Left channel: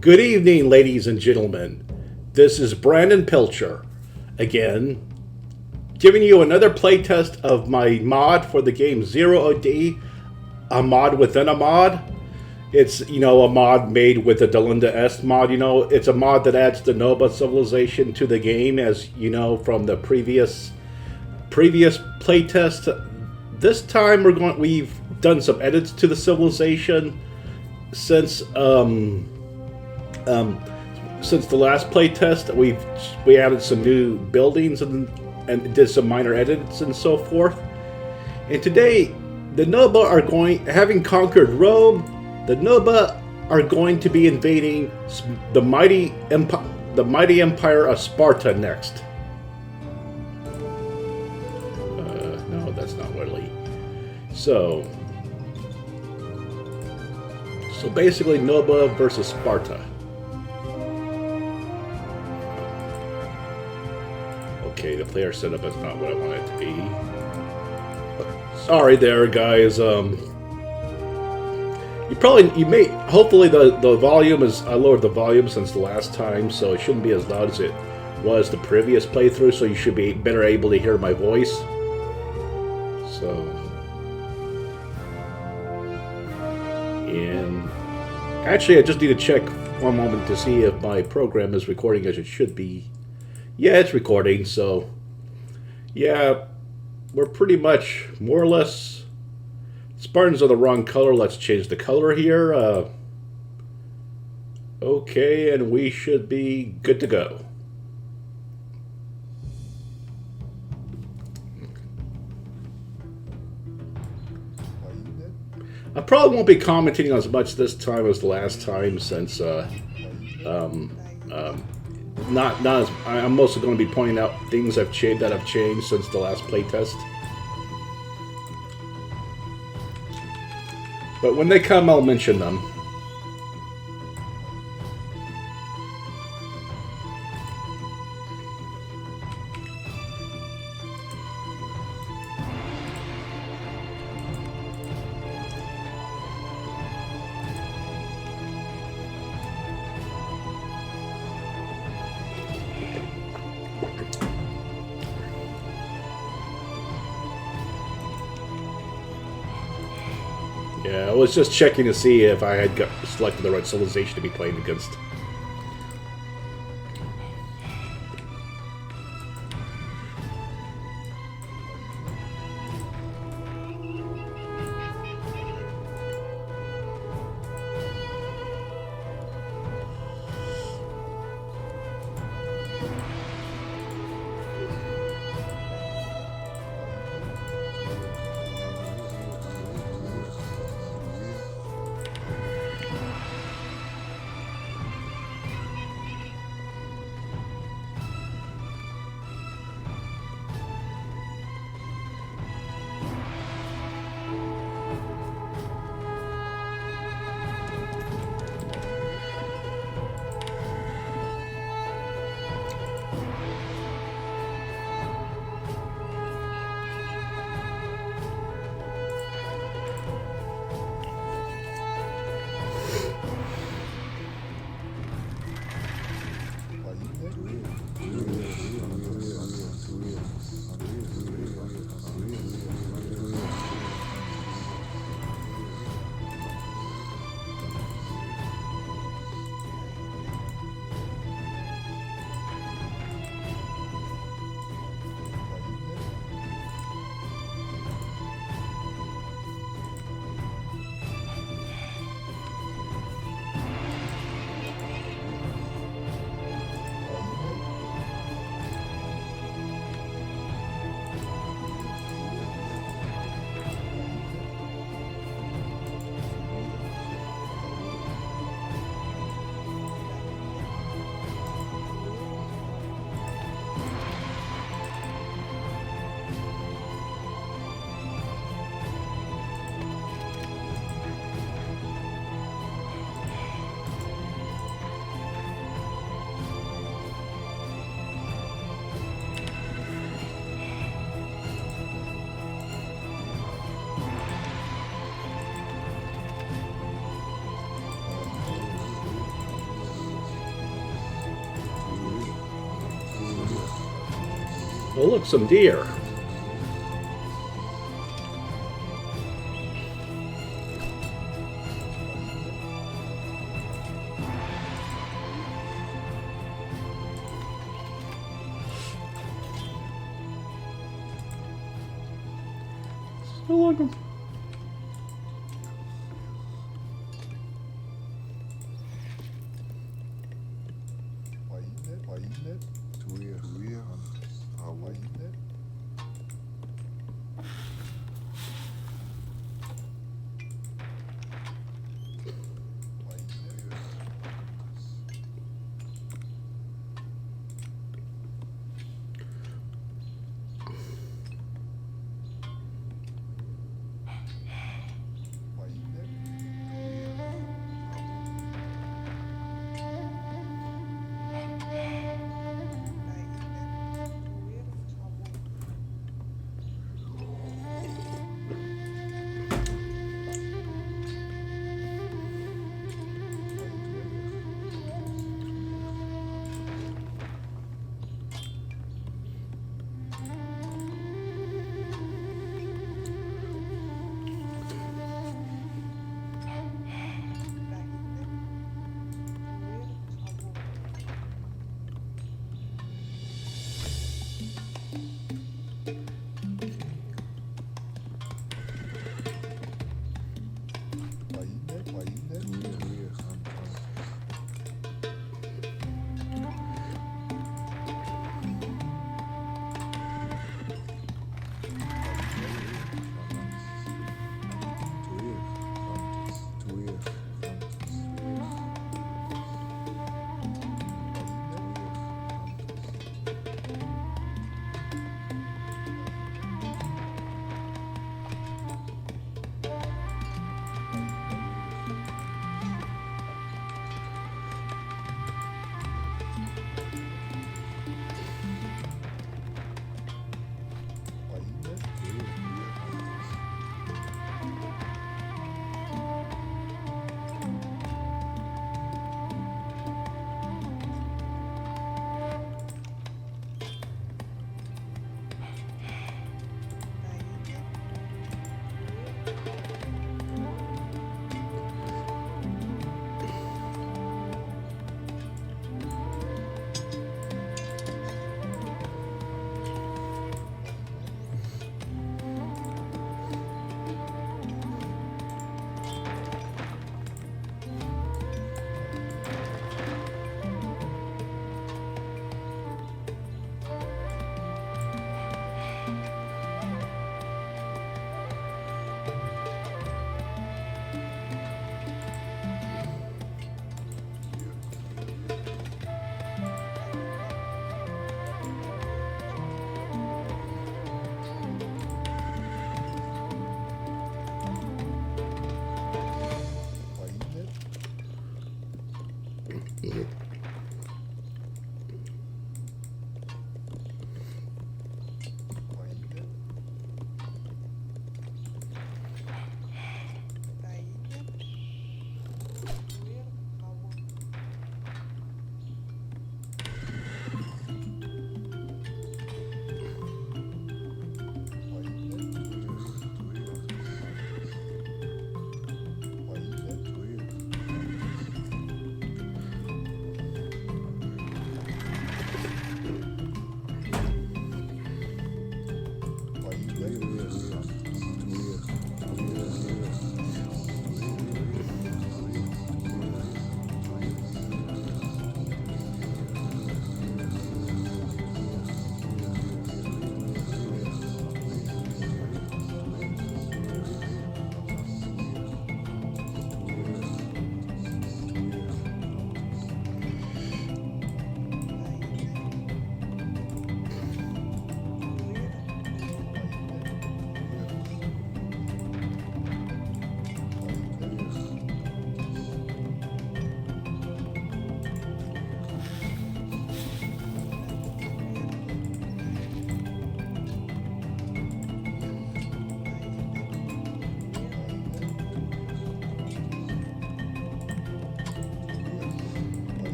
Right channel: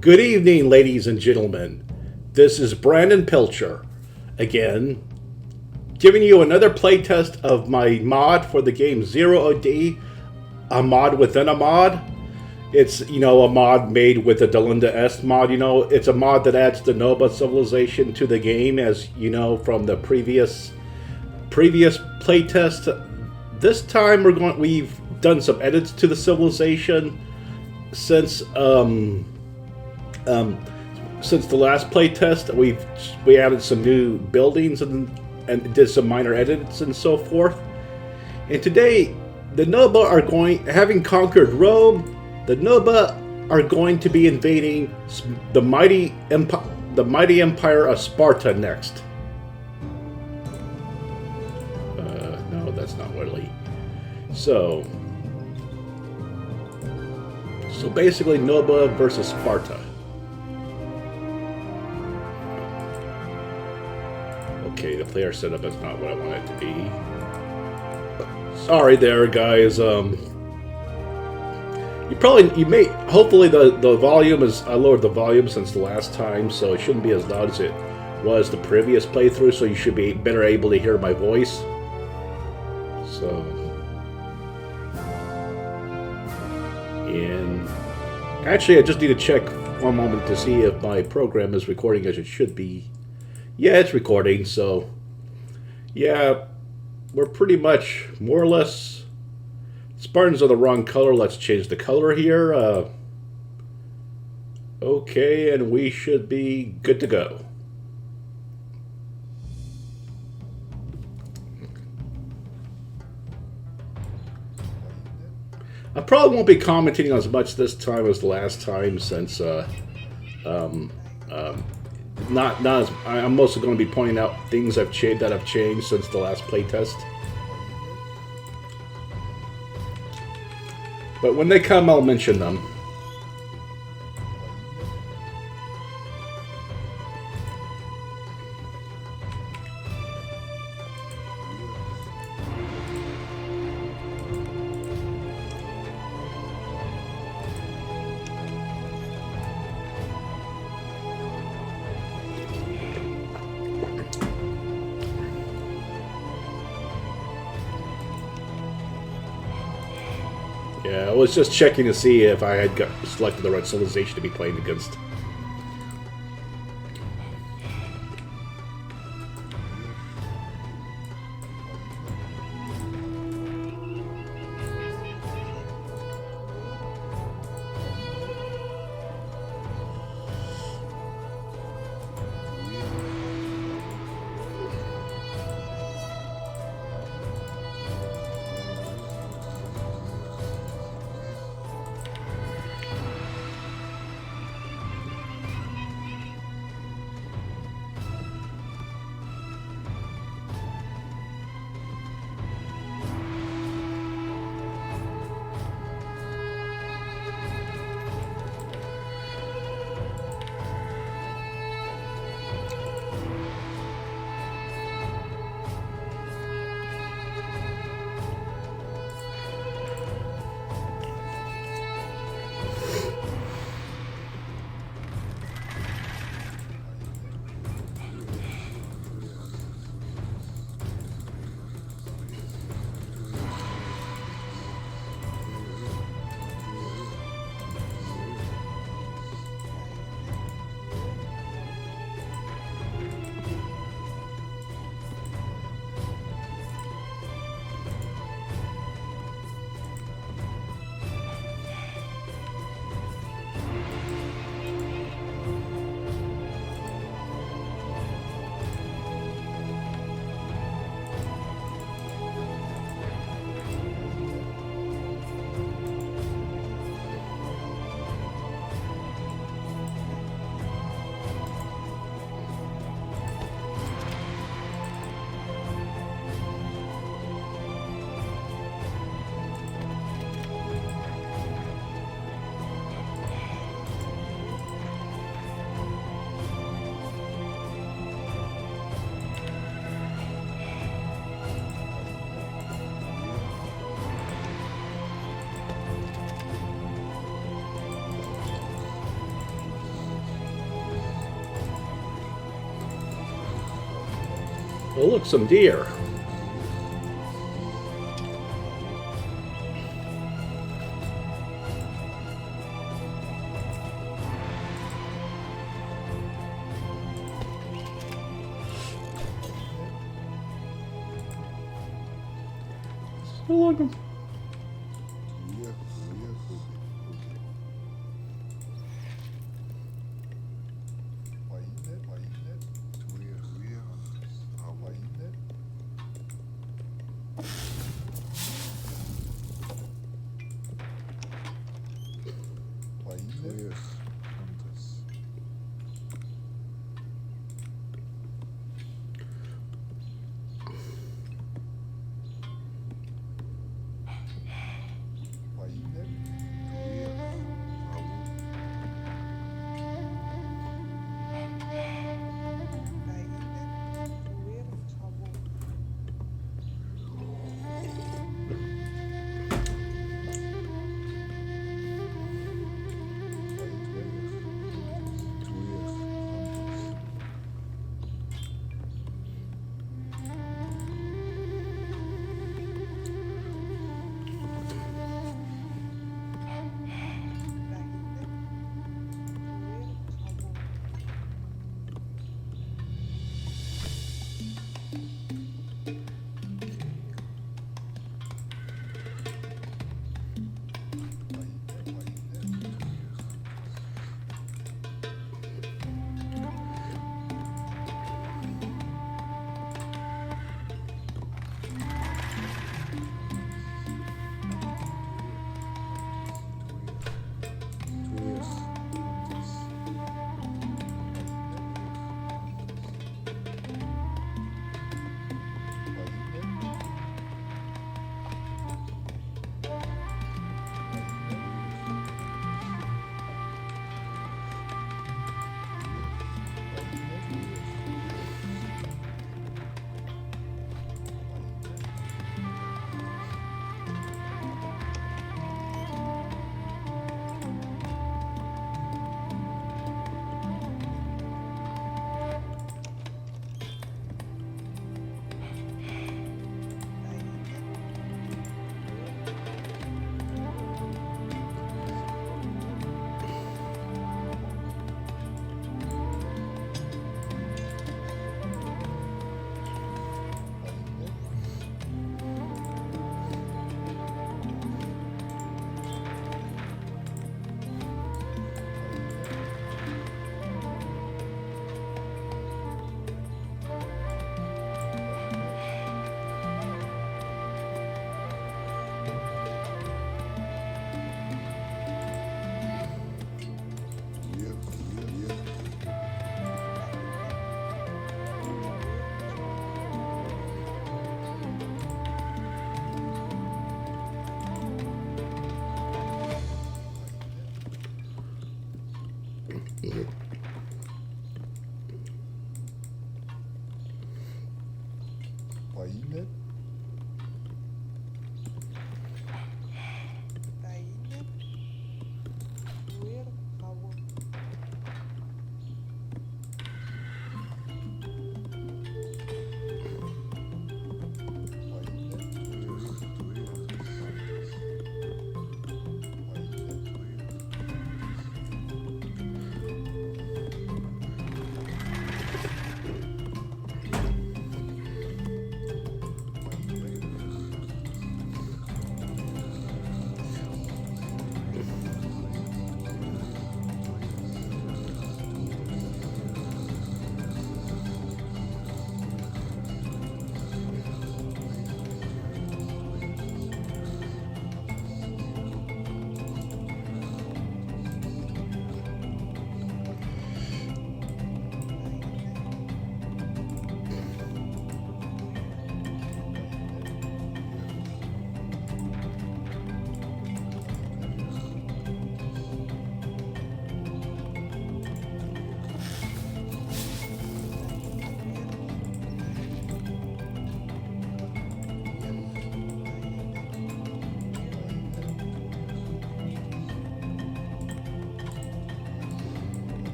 Good evening, ladies and gentlemen. This is Brandon Pilcher, again, giving you another playtest of my mod for the game Zero OD, a mod within a mod. It's, a mod made with the Delenda Est mod. It's a mod that adds the Noba civilization to the game, as you know from the previous playtest. This time we've done some edits to the civilization since the last playtest. We added some new buildings and did some minor edits and so forth. And today, the Noba having conquered Rome, the Noba are going to be invading the mighty empire of Sparta next. No, that's not really. So basically, Noba versus Sparta. Okay, the player setup is not what I want it to be. Sorry there, guys. Hopefully the volume is, I lowered the volume since the last time, so it shouldn't be as loud as it was the previous playthrough, so you should be better able to hear my voice. So, and actually I just need to check one moment to see if my program is recording as it should be. Yeah, it's recording, so yeah, we're pretty much more or less. Spartans are the wrong color. Let's change the color here. Okay, and we should be good to go. I probably won't be commenting as much this time as the last time, since I'm mostly going to be pointing out things that have changed since the last playtest. But when they come, I'll mention them. Yeah, I was just checking to see if I had selected the right civilization to be playing against. Oh, look, some deer. Still like them.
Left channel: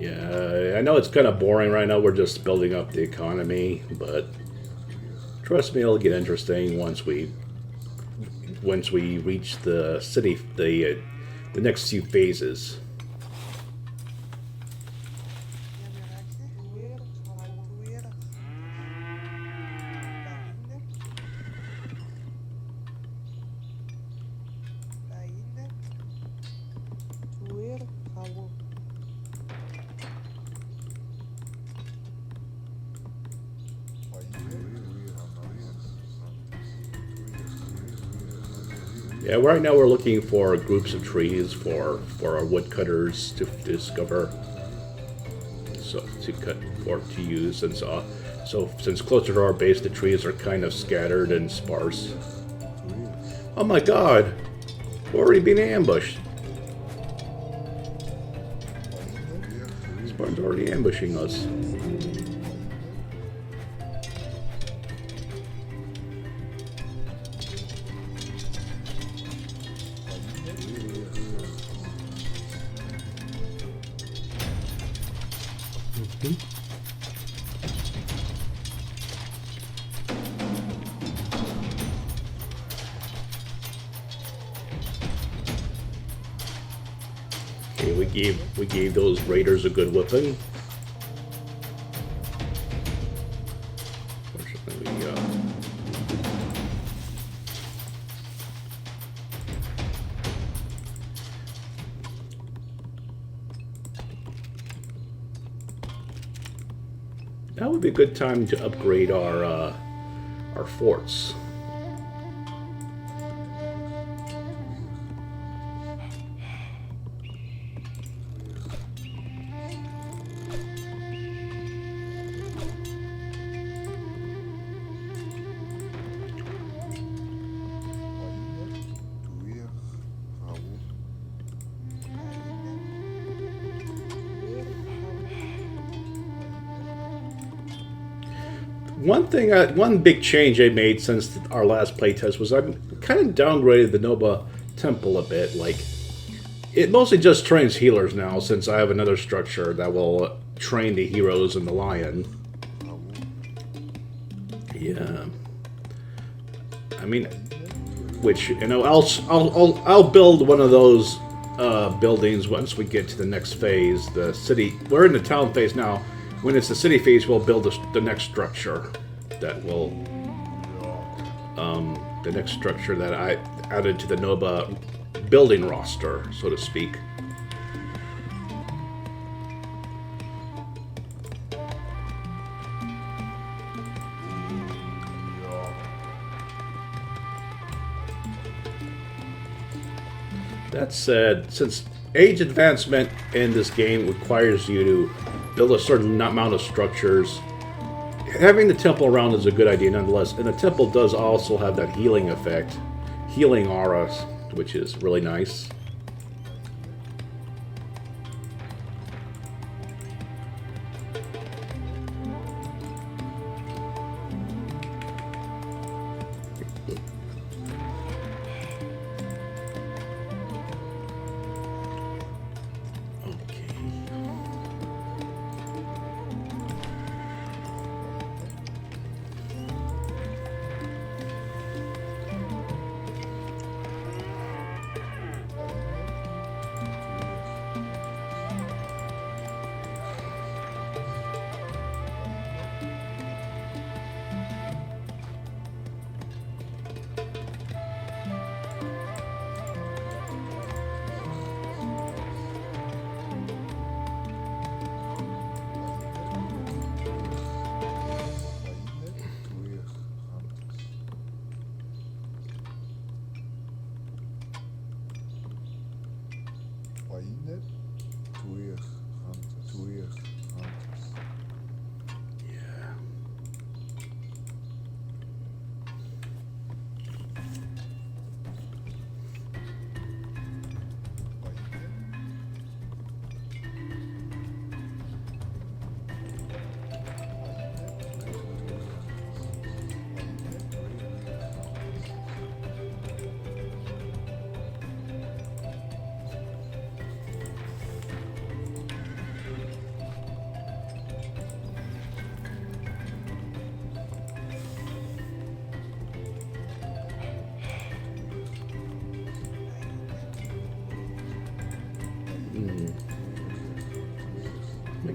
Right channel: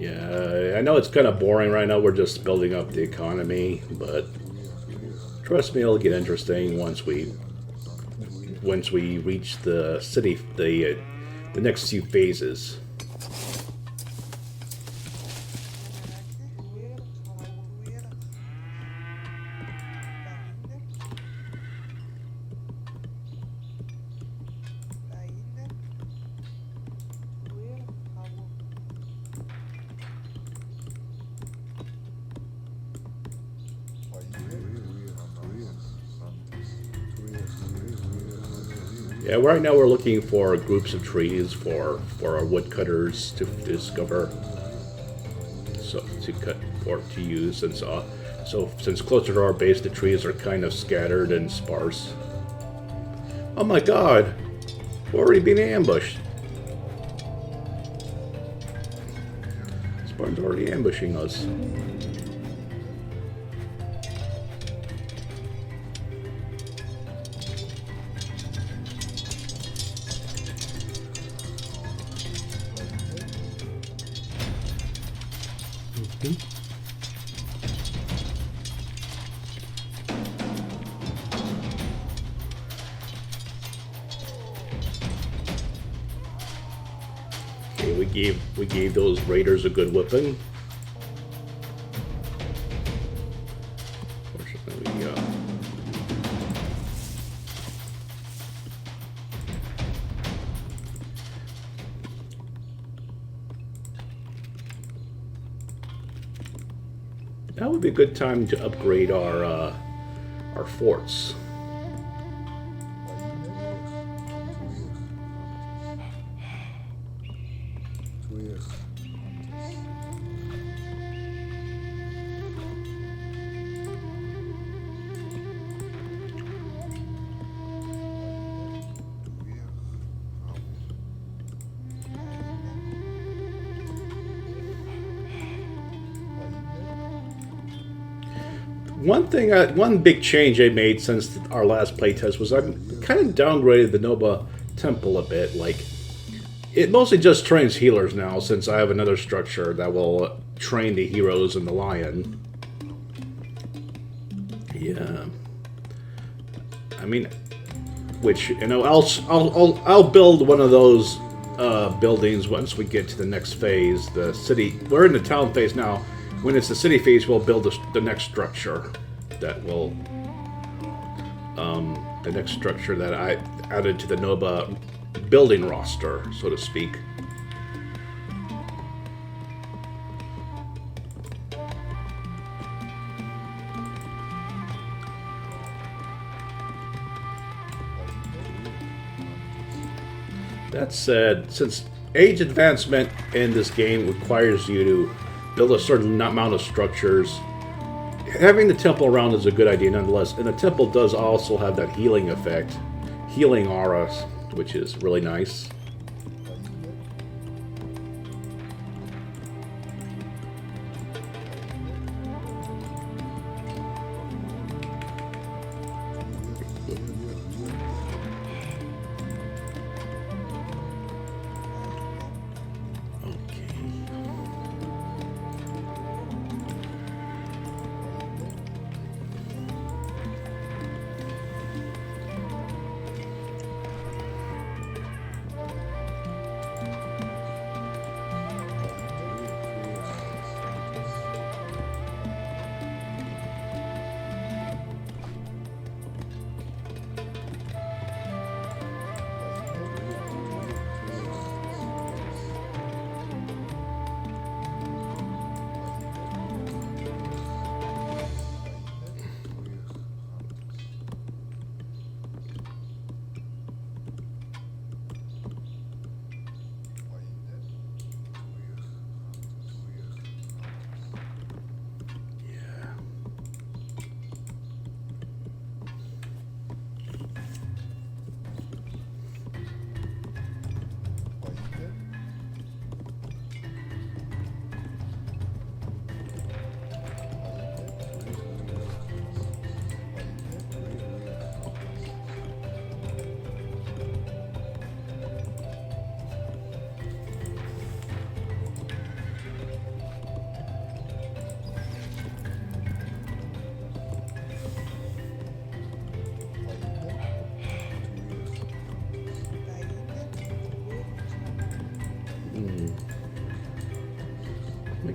Yeah, I know it's kind of boring right now. We're just building up the economy, but trust me, it'll get interesting once we reach the city, the next few phases. Yeah, right now we're looking for groups of trees for our woodcutters to discover, so to cut or to use, and so since closer to our base, the trees are kind of scattered and sparse. Oh my God, we're already being ambushed. Spartans are already ambushing us. Okay, we gave those raiders a good whipping. Fortunately, that would be a good time to upgrade our forts. One big change I made since our last playtest was I kind of downgraded the Noba temple a bit. Like, it mostly just trains healers now, since I have another structure that will train the heroes and the lion. Yeah, I mean, which I'll build one of those buildings once we get to the next phase. The city. We're in the town phase now. When it's the city phase, we'll build the next structure that will, the next structure that I added to the Noba building roster, so to speak. That said, since age advancement in this game requires you to build a certain amount of structures, having the temple around is a good idea nonetheless. And the temple does also have that healing effect, healing aura, which is really nice.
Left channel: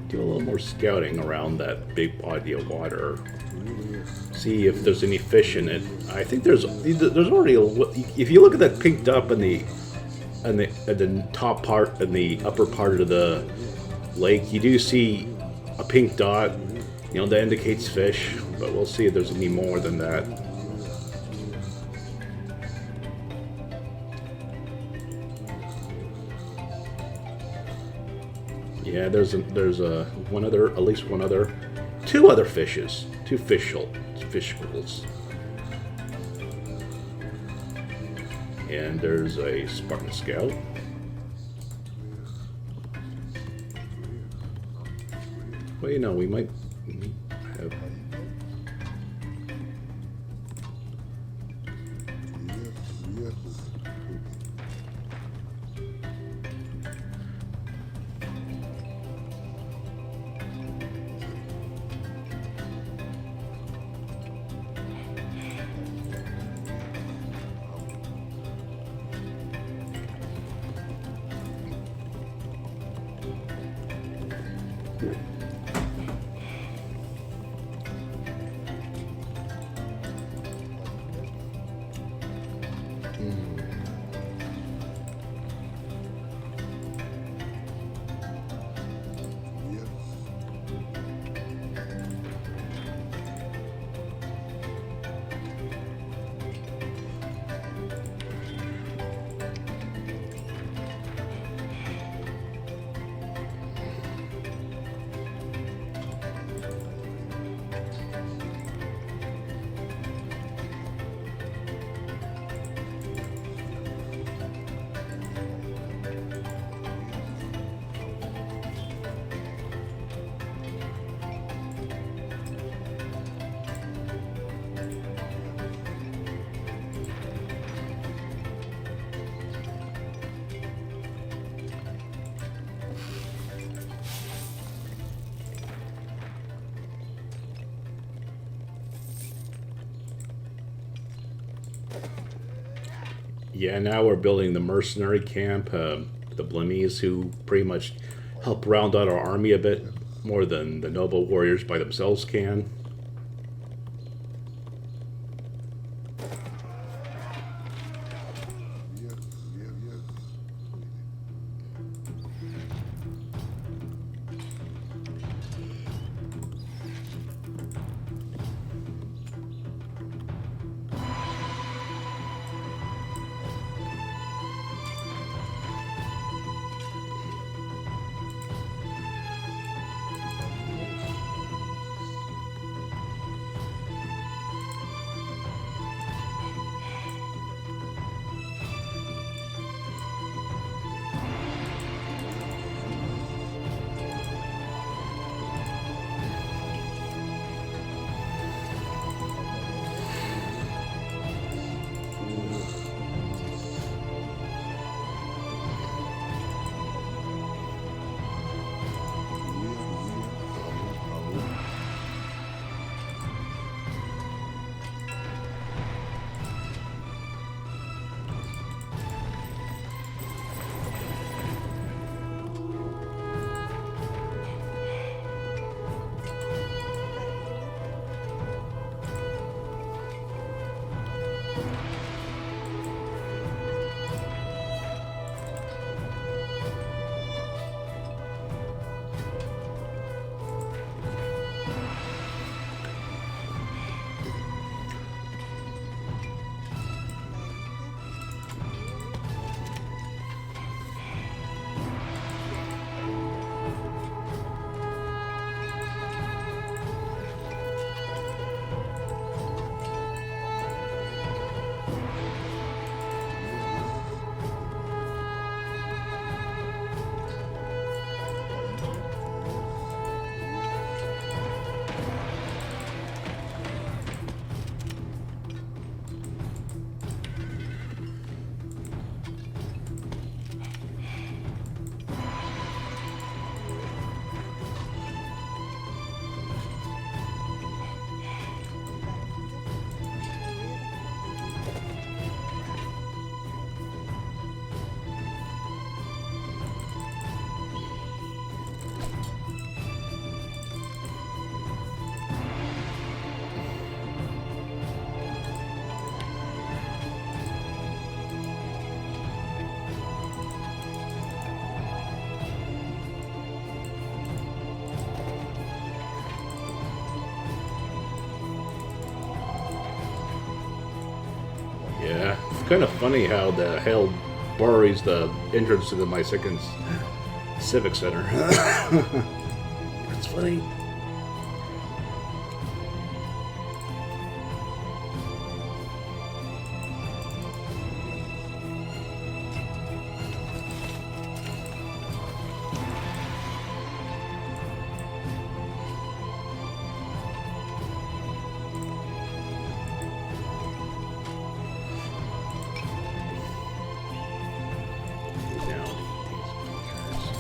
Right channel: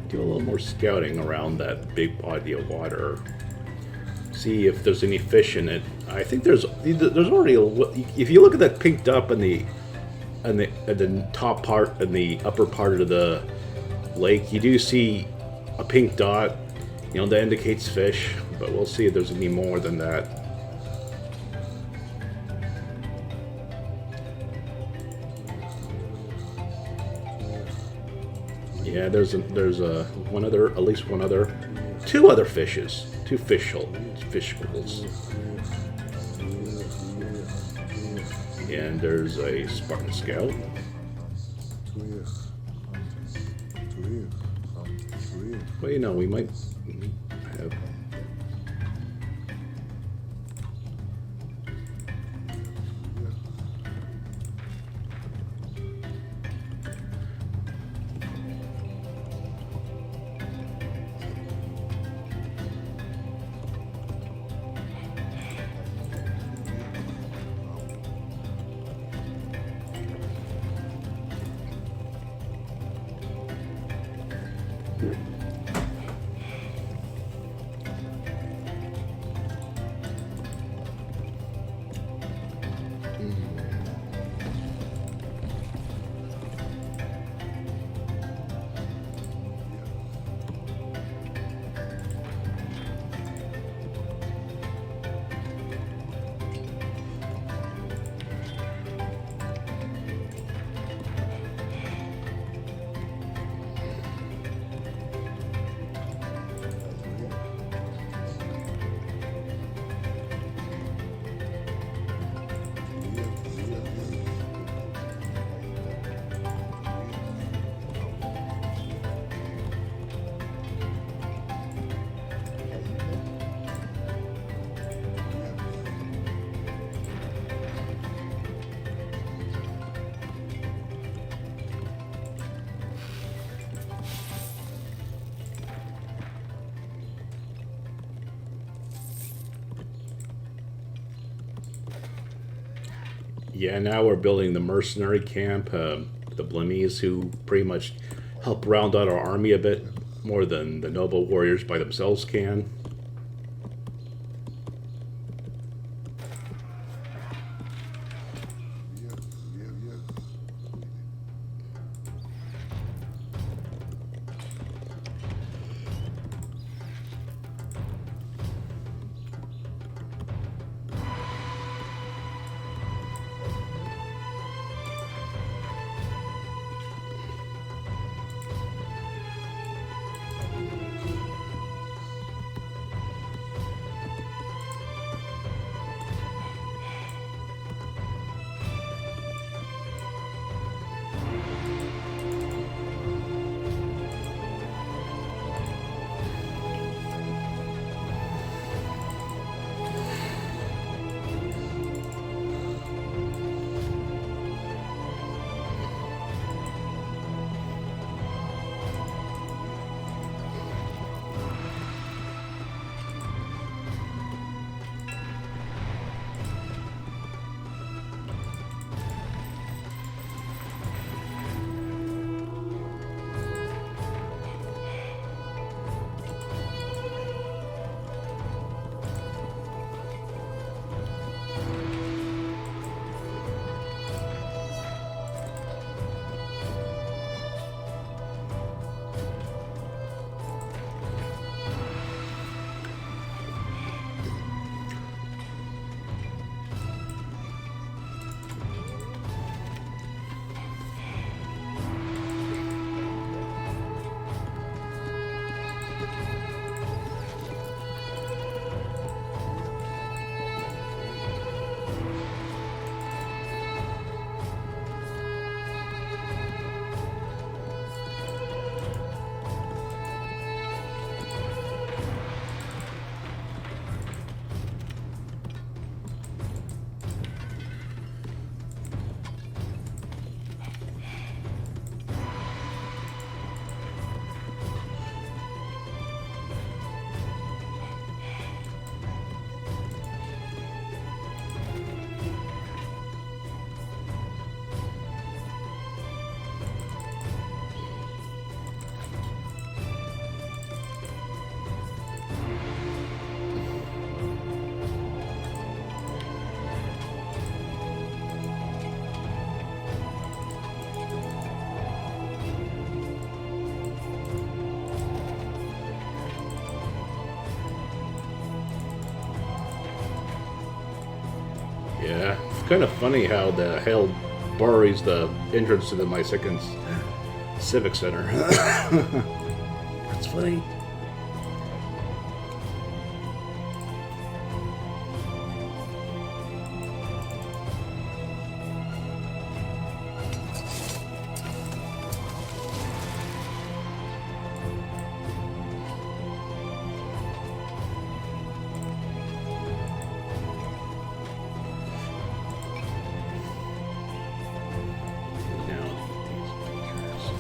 do a little more scouting around that big body of water. See if there's any fish in it. I think there's already if you look at that pink dot in the top part and the upper part of the lake, you do see a pink dot. You know, that indicates fish, but we'll see if there's any more than that. Yeah, there's one other, at least one other, two other fishes, two fish schools. And there's a Spartan scout. Well, you know, we might have. Yeah, now we're building the mercenary camp, the Blimmies, who pretty much help round out our army a bit more than the Noba warriors by themselves can. Yeah, it's kind of funny how the hail buries the entrance to my second civic center. That's funny. Now I need these pictures.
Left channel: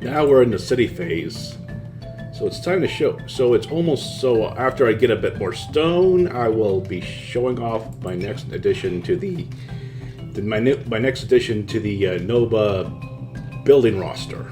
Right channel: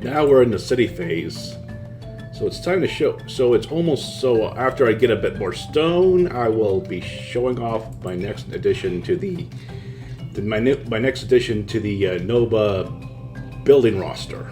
Now we're in the city phase. So it's time to show. So it's almost so after I get a bit more stone, I will be showing off my next addition to my next addition to the Noba building roster.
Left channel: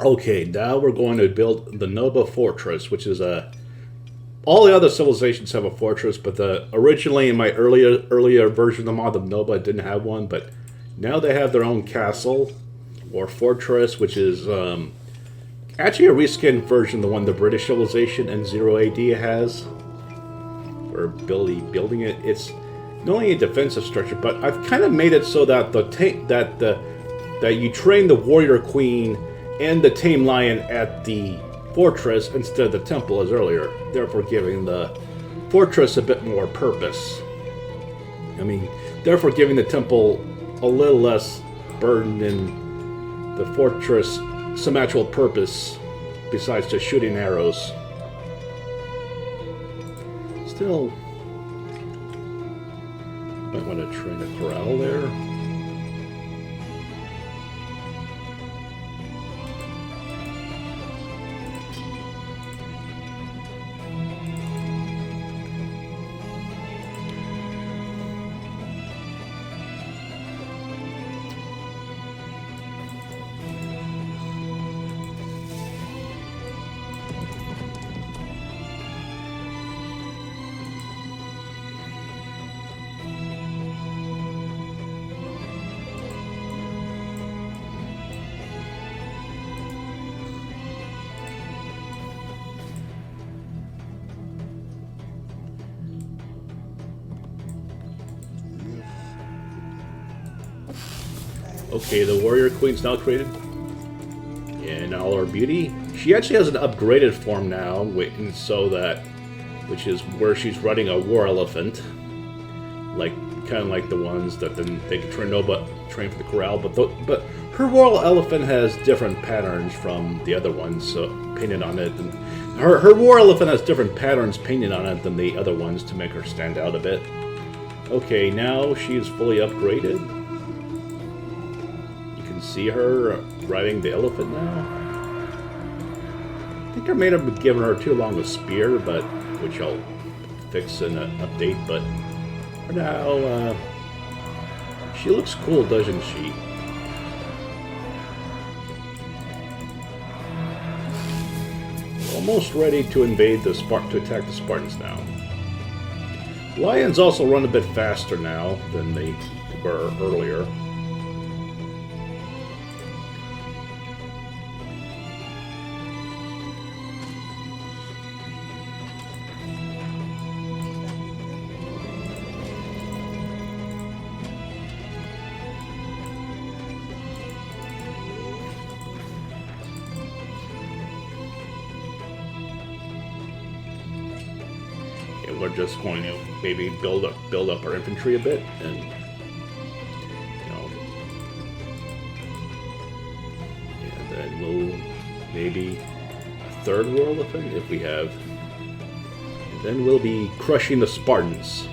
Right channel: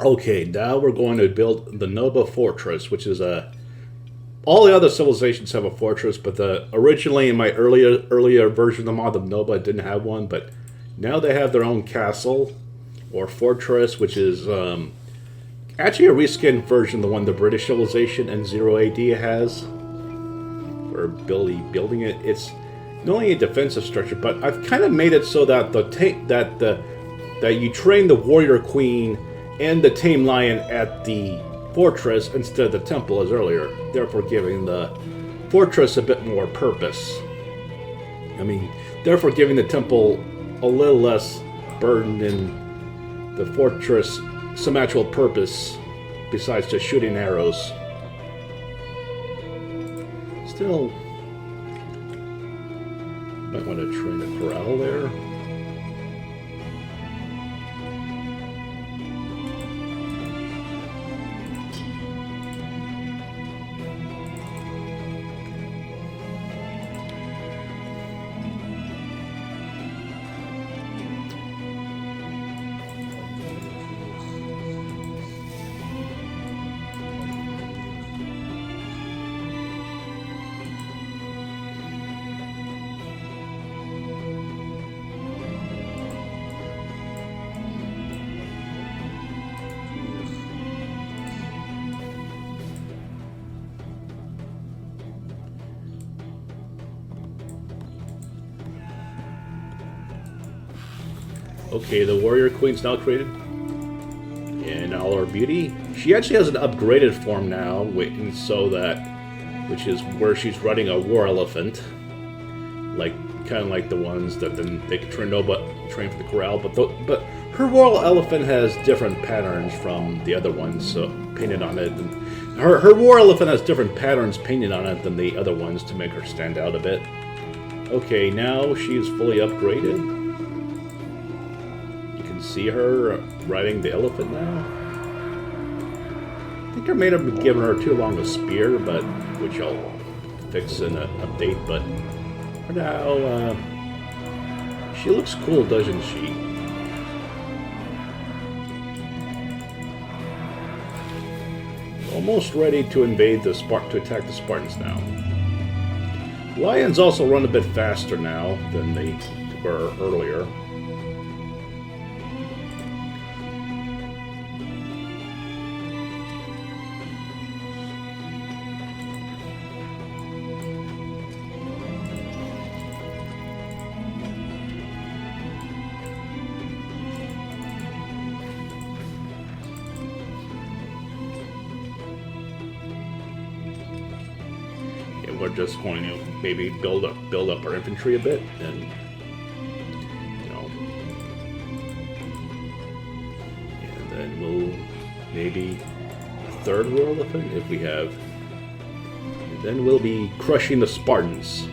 Okay, now we're going to build the Noba fortress, which is a. All the other civilizations have a fortress, but originally in my earlier version of the mod, the Noba didn't have one. But now they have their own castle or fortress, which is Actually, a reskinned version, the one the British civilization and 0 AD has. Or building it. It's not only a defensive structure, but I've kind of made it so that that you train the warrior queen and the tame lion at the fortress instead of the temple as earlier, therefore giving the fortress a bit more purpose. I mean, therefore giving the temple a little less burden and the fortress some actual purpose besides just shooting arrows. Still, might want to train a corral there. Okay, the warrior queen's now created in all her beauty. She actually has an upgraded form now, which is where she's riding a war elephant, kind of like the ones that then they could train Noba train for the corral. But her war elephant has different patterns from the other ones painted on it, and her war elephant has different patterns painted on it than the other ones to make her stand out a bit. Okay, now she is fully upgraded. See her riding the elephant now. I think I may have given her too long a spear, which I'll fix in an update. But for now, she looks cool, doesn't she? Almost ready to invade to attack the Spartans now. Lions also run a bit faster now than they were earlier. We're just going to maybe build up our infantry a bit, and and then we'll maybe a third war elephant if we have, and then we'll be crushing the Spartans.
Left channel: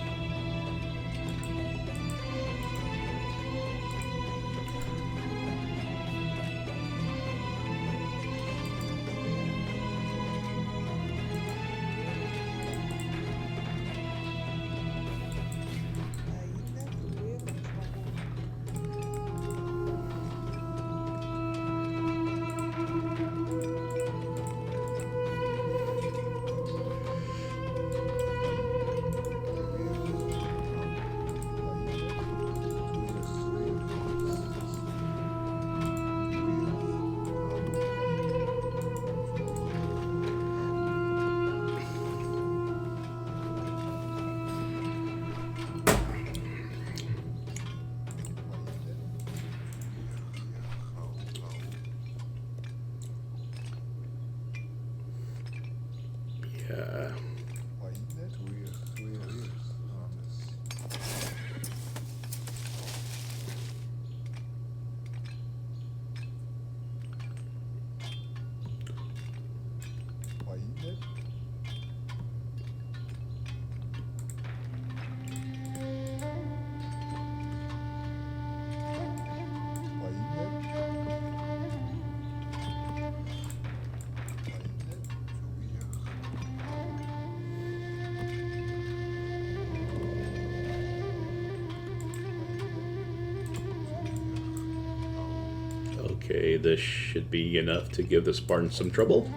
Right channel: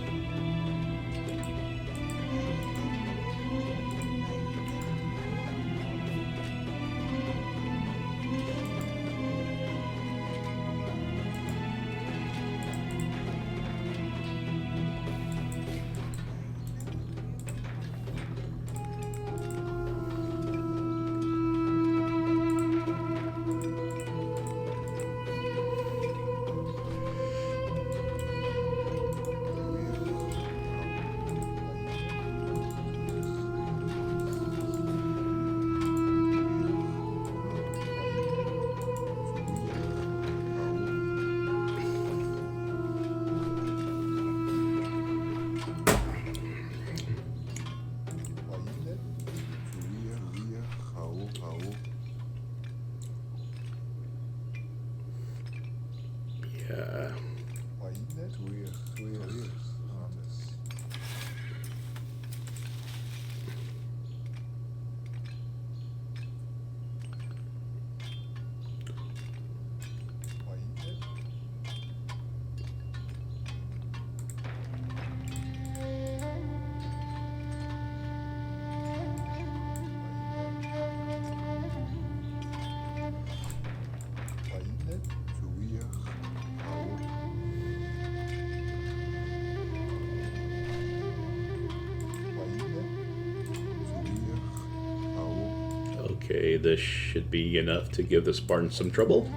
Okay, this should be enough to give the Spartans some trouble.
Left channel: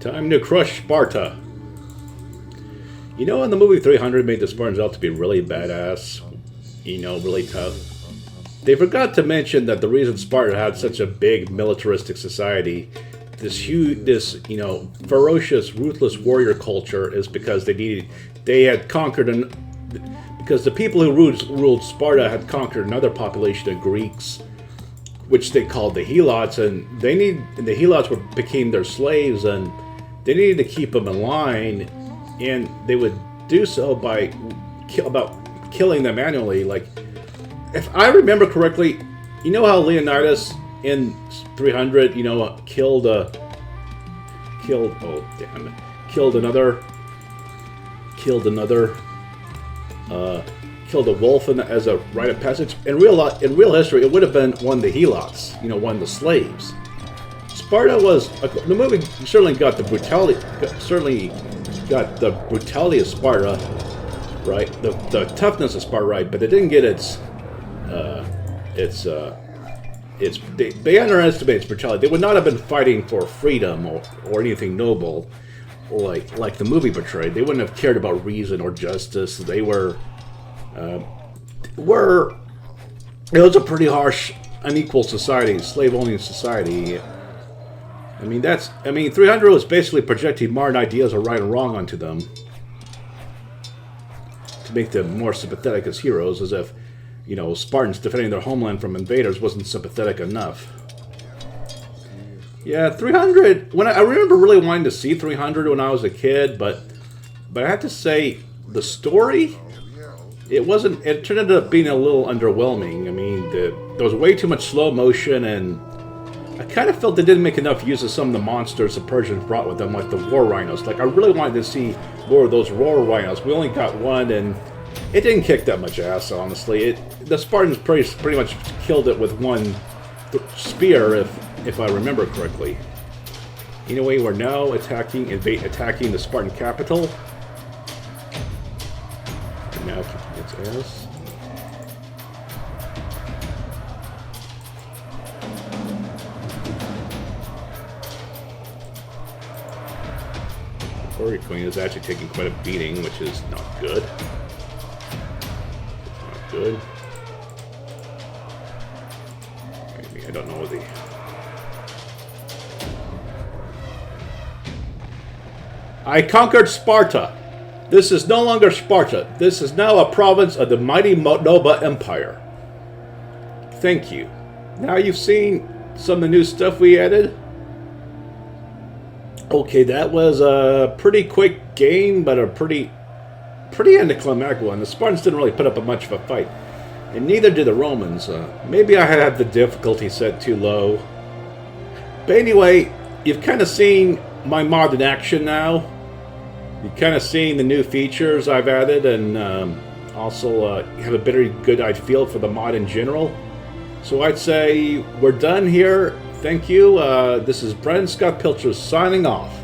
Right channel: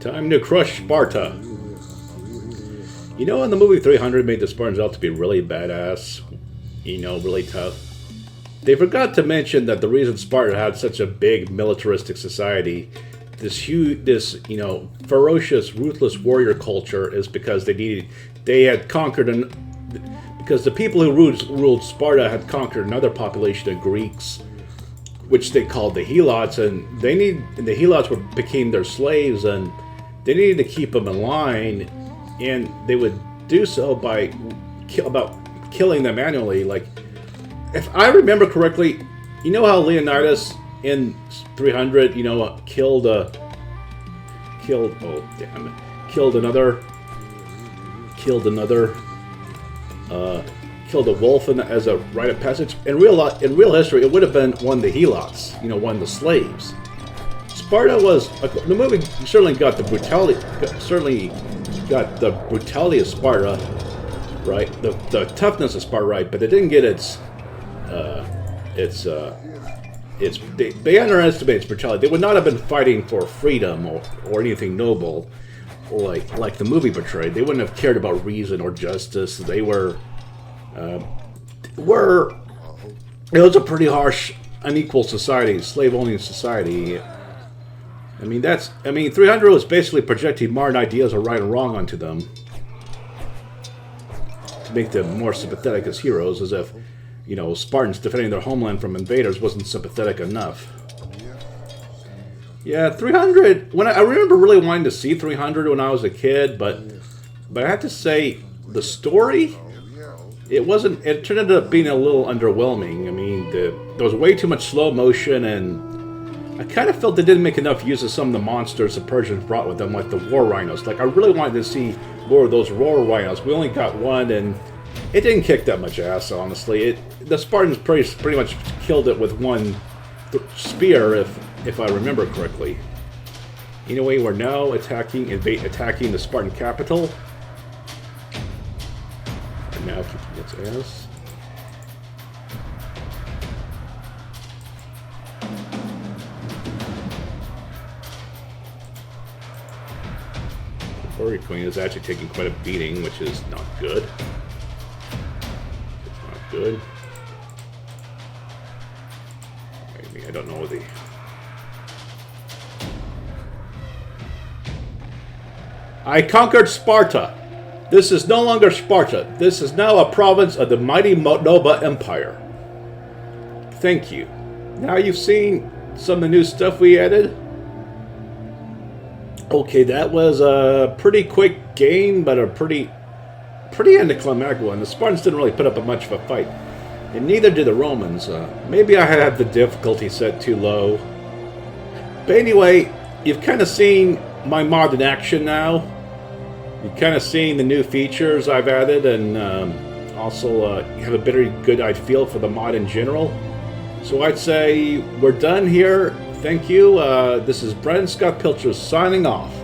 Time to crush Sparta. You know, in the movie 300 made the Spartans out to be really badass, really tough. they forgot to mention that the reason Sparta had such a big militaristic society, this huge, ferocious, ruthless warrior culture, is because they had conquered because the people who ruled Sparta had conquered another population of Greeks, which they called the helots, and the helots became their slaves, and they needed to keep them in line, and they would do so by killing them manually. Like, if I remember correctly, you know how Leonidas in 300, killed a wolf as a rite of passage. In real history, it would have been one of the helots, one of the slaves. Sparta was the movie certainly got the brutality of Sparta, right? The toughness of Sparta, right? But it didn't get they underestimated its brutality. They would not have been fighting for freedom or anything noble, like the movie portrayed. They wouldn't have cared about reason or justice. They it was a pretty harsh, unequal society, slave-owning society. 300 was basically projecting modern ideas of right and wrong onto them to make them more sympathetic as heroes, as if, Spartans defending their homeland from invaders wasn't sympathetic enough. Yeah, 300. I remember really wanting to see 300 when I was a kid, but I have to say the story, it turned up being a little underwhelming. There was way too much slow motion, and I kind of felt they didn't make enough use of some of the monsters the Persians brought with them, like the war rhinos. Like, I really wanted to see more of those war rhinos. We only got one, and it didn't kick that much ass, honestly. The Spartans pretty much killed it with one spear, if I remember correctly. Anyway, we're now attacking the Spartan capital. We're now kicking its ass. The warrior queen is actually taking quite a beating, which is not good. It's not good. I don't know the... I conquered Sparta. This is no longer Sparta. This is now a province of the mighty Noba Empire. Thank you. Now you've seen some of the new stuff we added. Okay, that was a pretty quick game, but a pretty anticlimactic one. The Spartans didn't really put up much of a fight. And neither did the Romans. Maybe I had the difficulty set too low. But anyway, you've kind of seen my mod in action now. You've kind of seen the new features I've added, and also you have a pretty good feel for the mod in general. So I'd say we're done here. Thank you. This is Brendan Scott Pilcher signing off.